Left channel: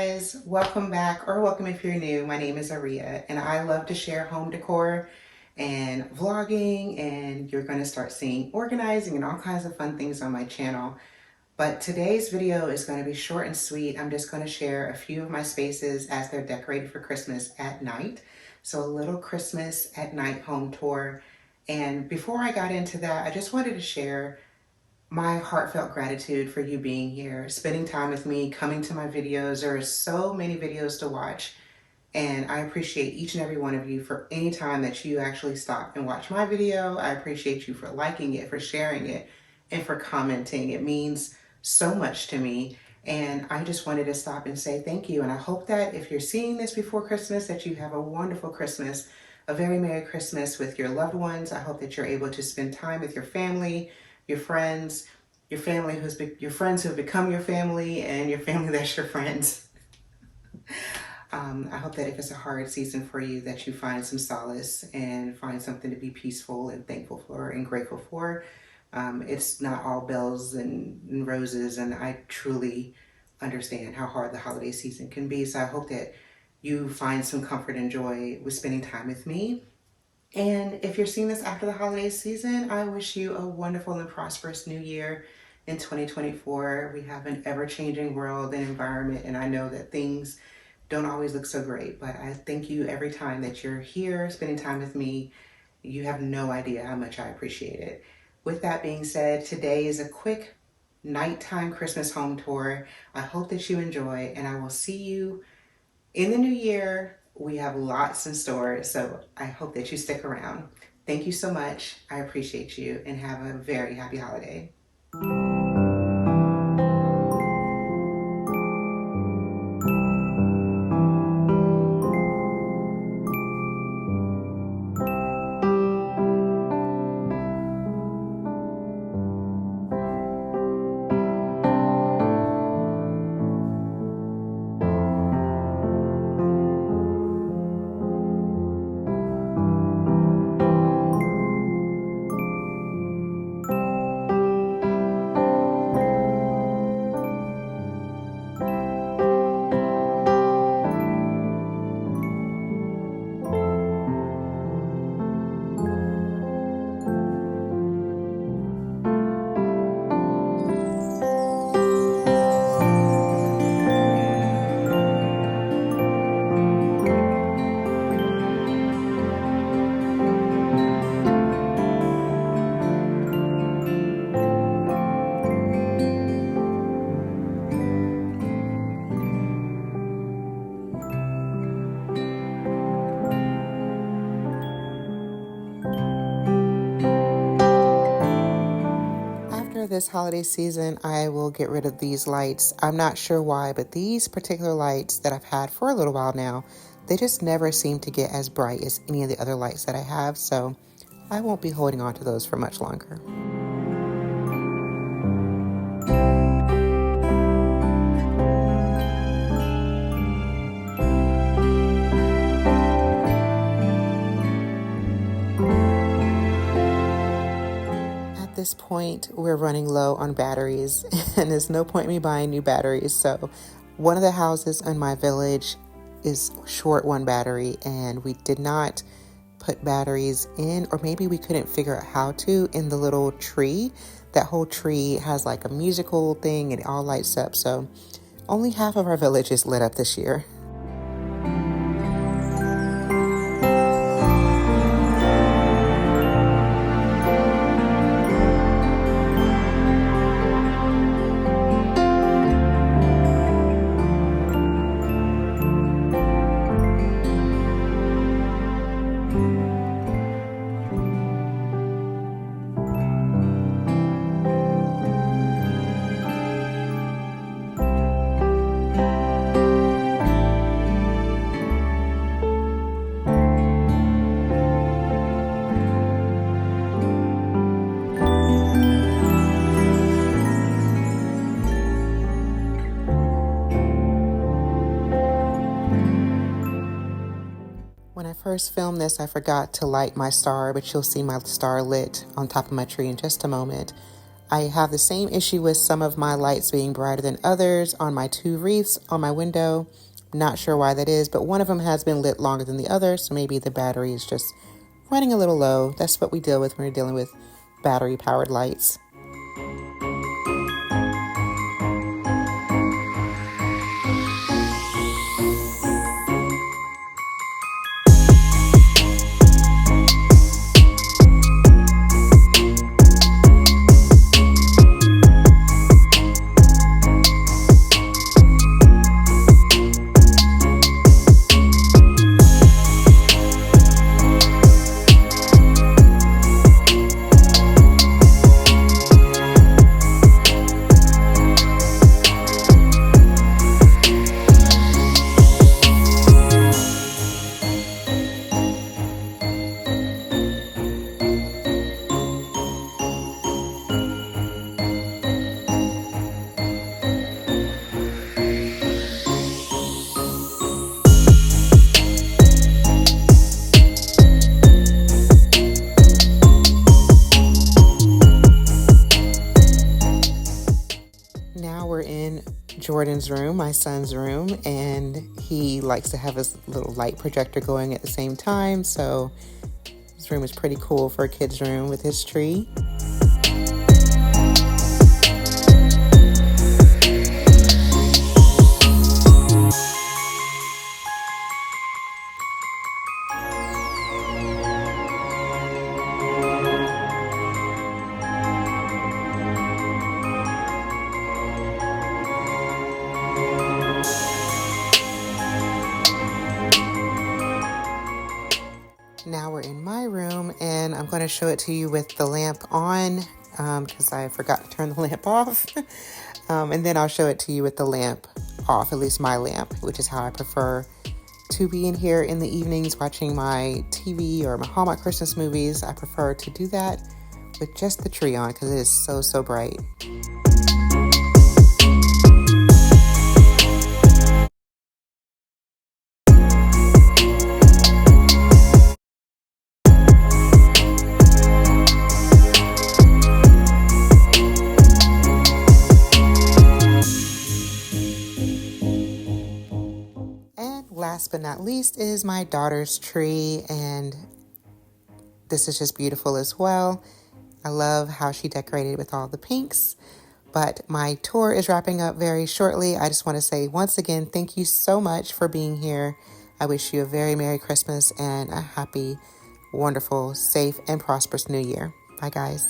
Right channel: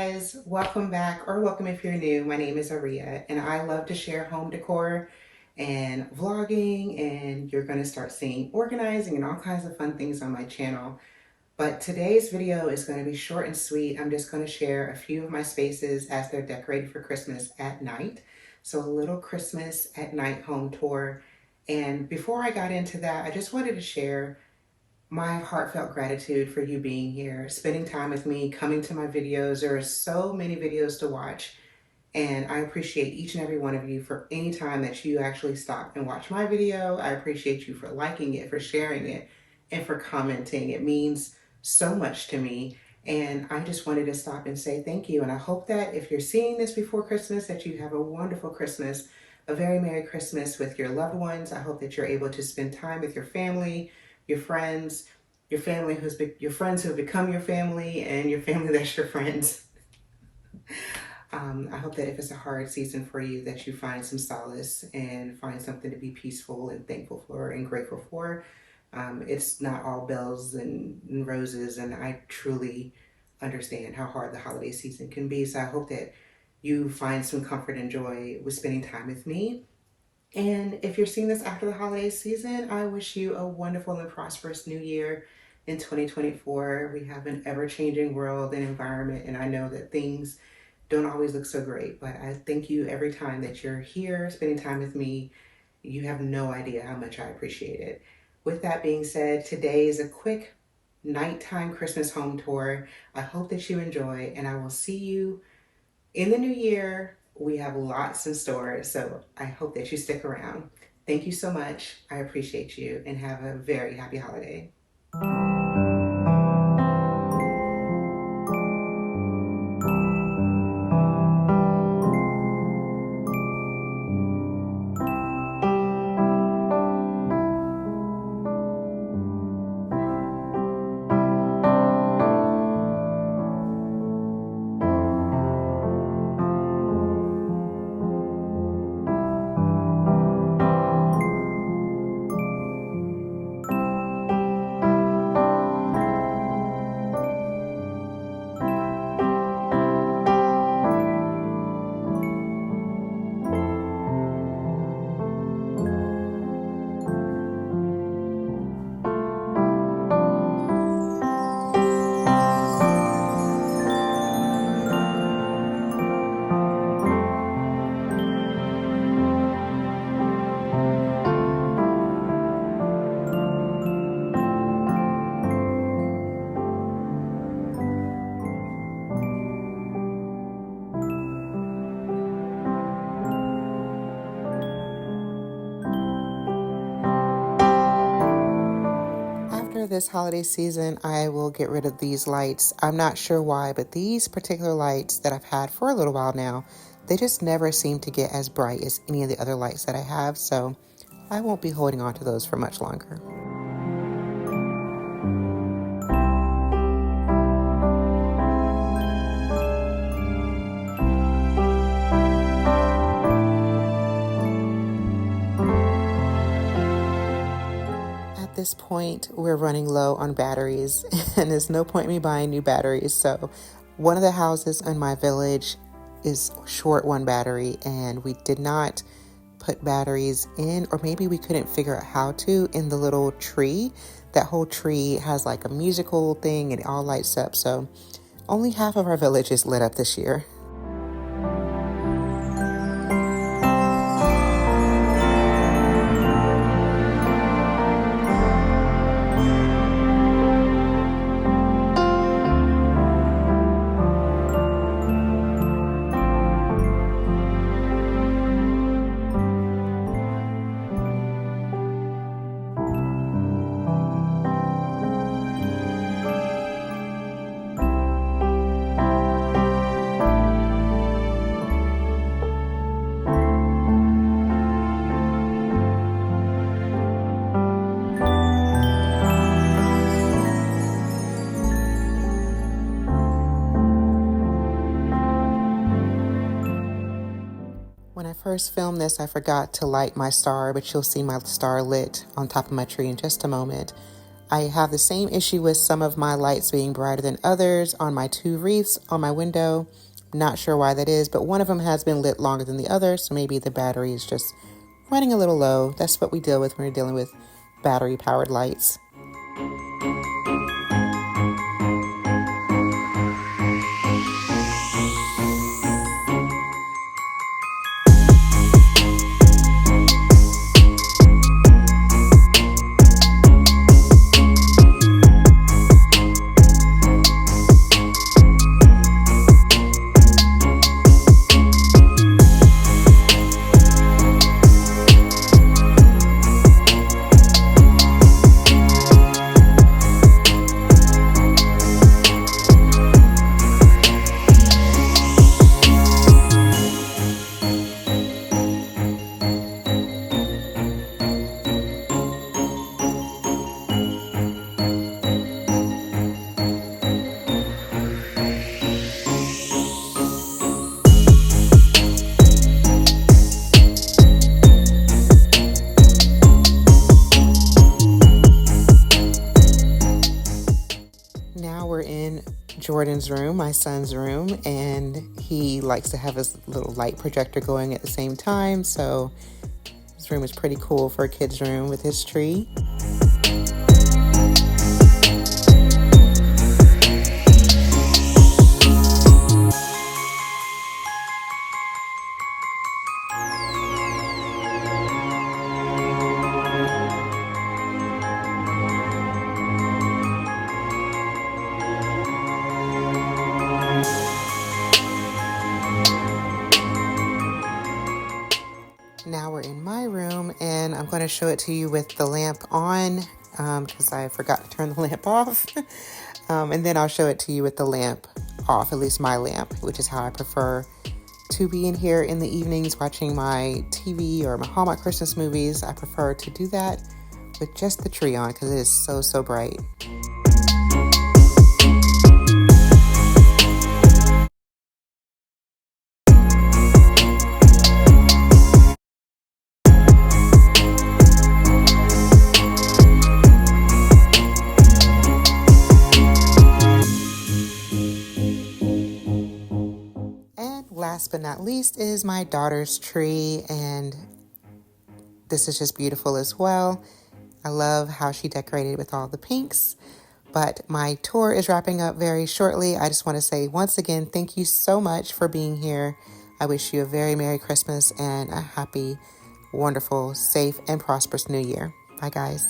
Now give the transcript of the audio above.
guys, welcome back or welcome if you're new. My name is Aria and I love to share home decor and vlogging, and you're going to start seeing organizing and all kinds of fun things on my channel. But today's video is going to be short and sweet. I'm just going to share a few of my spaces as they're decorated for Christmas at night. So a little Christmas at night home tour. And before I got into that, I just wanted to share my heartfelt gratitude for you being here, spending time with me, coming to my videos. There are so many videos to watch, and I appreciate each and every one of you for any time that you actually stop and watch my video. I appreciate you for liking it, for sharing it, and for commenting. It means so much to me, and I just wanted to stop and say thank you. And I hope that if you're seeing this before Christmas, that you have a wonderful Christmas, a very Merry Christmas with your loved ones. I hope that you're able to spend time with your family, your friends, your family your friends who have become your family, and your family that's your friends. I hope that if it's a hard season for you, that you find some solace and find something to be peaceful and thankful for and grateful for. It's not all bells and roses, and I truly understand how hard the holiday season can be. So I hope that you find some comfort and joy with spending time with me. And if you're seeing this after the holiday season, I wish you a wonderful and prosperous new year in 2024. We have an ever-changing world and environment, and I know that things don't always look so great, but I thank you every time that you're here spending time with me. You have no idea how much I appreciate it. With that being said, today is a quick nighttime Christmas home tour. I hope that you enjoy, and I will see you in the new year. We have lots in store, so I hope that you stick around. Thank you so much. I appreciate you, and have a very happy holiday. After this holiday season, I will get rid of these lights. I'm not sure why, but these particular lights that I've had for a little while now, they just never seem to get as bright as any of the other lights that I have, so I won't be holding on to those for much longer. At this point, we're running low on batteries, and there's no point in me buying new batteries. So one of the houses in my village is short one battery, and we did not put batteries in, or maybe we couldn't figure out how to, in the little tree. That whole tree has like a musical thing and it all lights up. So only half of our village is lit up this year. When I first filmed this, I forgot to light my star, but you'll see my star lit on top of my tree in just a moment. I have the same issue with some of my lights being brighter than others on my two wreaths on my window. Not sure why that is, but one of them has been lit longer than the other, so maybe the battery is just running a little low. That's what we deal with when we're dealing with battery-powered lights. Now we're in Jordan's room, my son's room, and he likes to have his little light projector going at the same time, so his room is pretty cool for a kid's room with his tree. Now we're in my room, and I'm going to show it to you with the lamp on because I forgot to turn the lamp off. And then I'll show it to you with the lamp off, at least my lamp, which is how I prefer to be in here in the evenings watching my TV or my Hallmark Christmas movies. I prefer to do that with just the tree on because it is so, so bright. Last but not least is my daughter's tree, and this is just beautiful as well. I love how she decorated with all the pinks, but my tour is wrapping up very shortly. I just want to say once again, thank you so much for being here. I wish you a very Merry Christmas and a happy, wonderful, safe, and prosperous New Year. Bye, guys.